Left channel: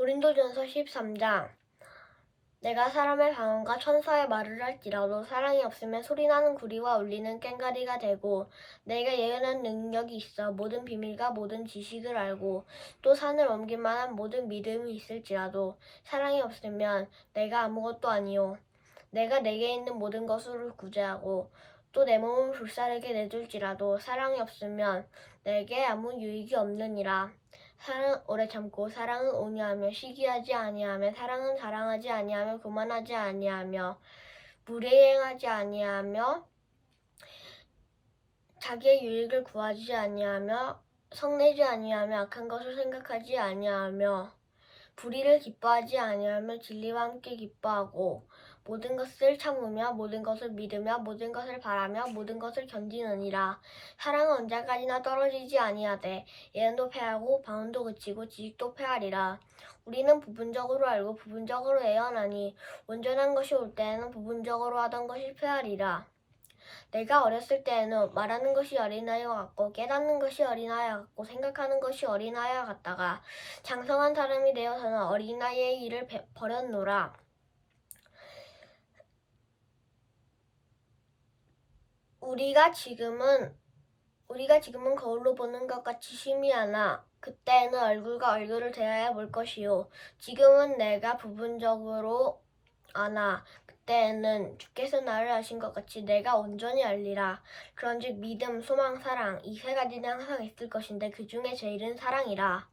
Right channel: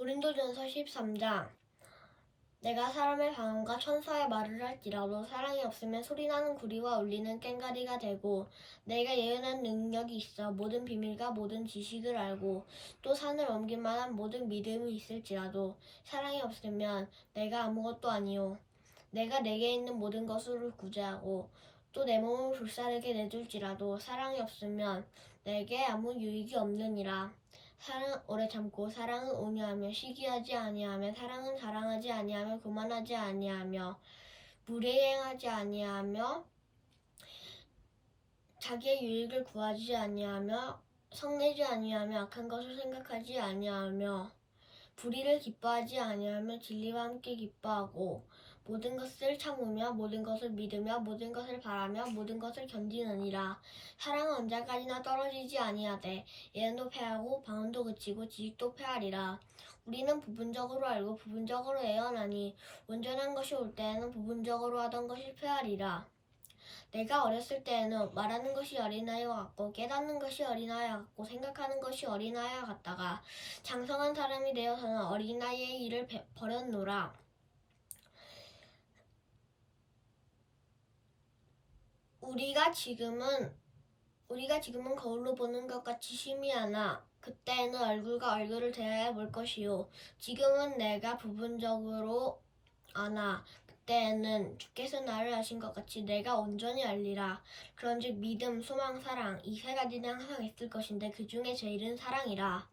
고린도전서 13장. 내가 사람의 방언과 천사의 말을 할지라도 사랑이 없으면 소리나는 구리와 울리는 꽹과리가 되고 내가 예언한 능력이 있어 모든 비밀과 모든 지식을 알고 또 산을 옮길 만한 모든 믿음이 있을지라도 사랑이 없으면 내가 아무것도 아니요. 내가 내게 있는 모든 것으로 구제하고 또 내 몸을 불사르게 내줄지라도 사랑이 없으면 내게 아무 유익이 없느니라. 사랑 오래 참고 사랑은 온유하며 시기하지 아니하며 사랑은 자랑하지 아니하며 교만하지 아니하며 무례행하지 아니하며 자기의 유익을 구하지 아니하며 성내지 아니하며 악한 것을 생각하지 아니하며 불의를 기뻐하지 아니하며 진리와 함께 기뻐하고 모든 것을 참으며 모든 것을 믿으며 모든 것을 바라며 모든 것을 견디느니라 사랑은 언제까지나 떨어지지 아니하되 예언도 패하고 방언도 그치고 지식도 패하리라. 우리는 부분적으로 알고 부분적으로 예언하니 온전한 것이 올 때에는 부분적으로 하던 것이 패하리라. 내가 어렸을 때에는 말하는 것이 어린아이와 같고 깨닫는 것이 어린아이와 같고 생각하는 것이 어린아이와 같다가 장성한 사람이 되어서는 어린아이의 일을 배- 버렸노라. 우리가 지금은 우리가 지금은 거울로 보는 것 같이 희미하나 그때는 얼굴과 얼굴을 대하여 볼 것이요 지금은 내가 부분적으로 아나 그때는 주께서 나를 아신 것 같이 내가 온전히 알리라. 그런즉 믿음 소망 사랑 이 세 가지는 항상 있을 것인데 그 중에 제일은 사랑이라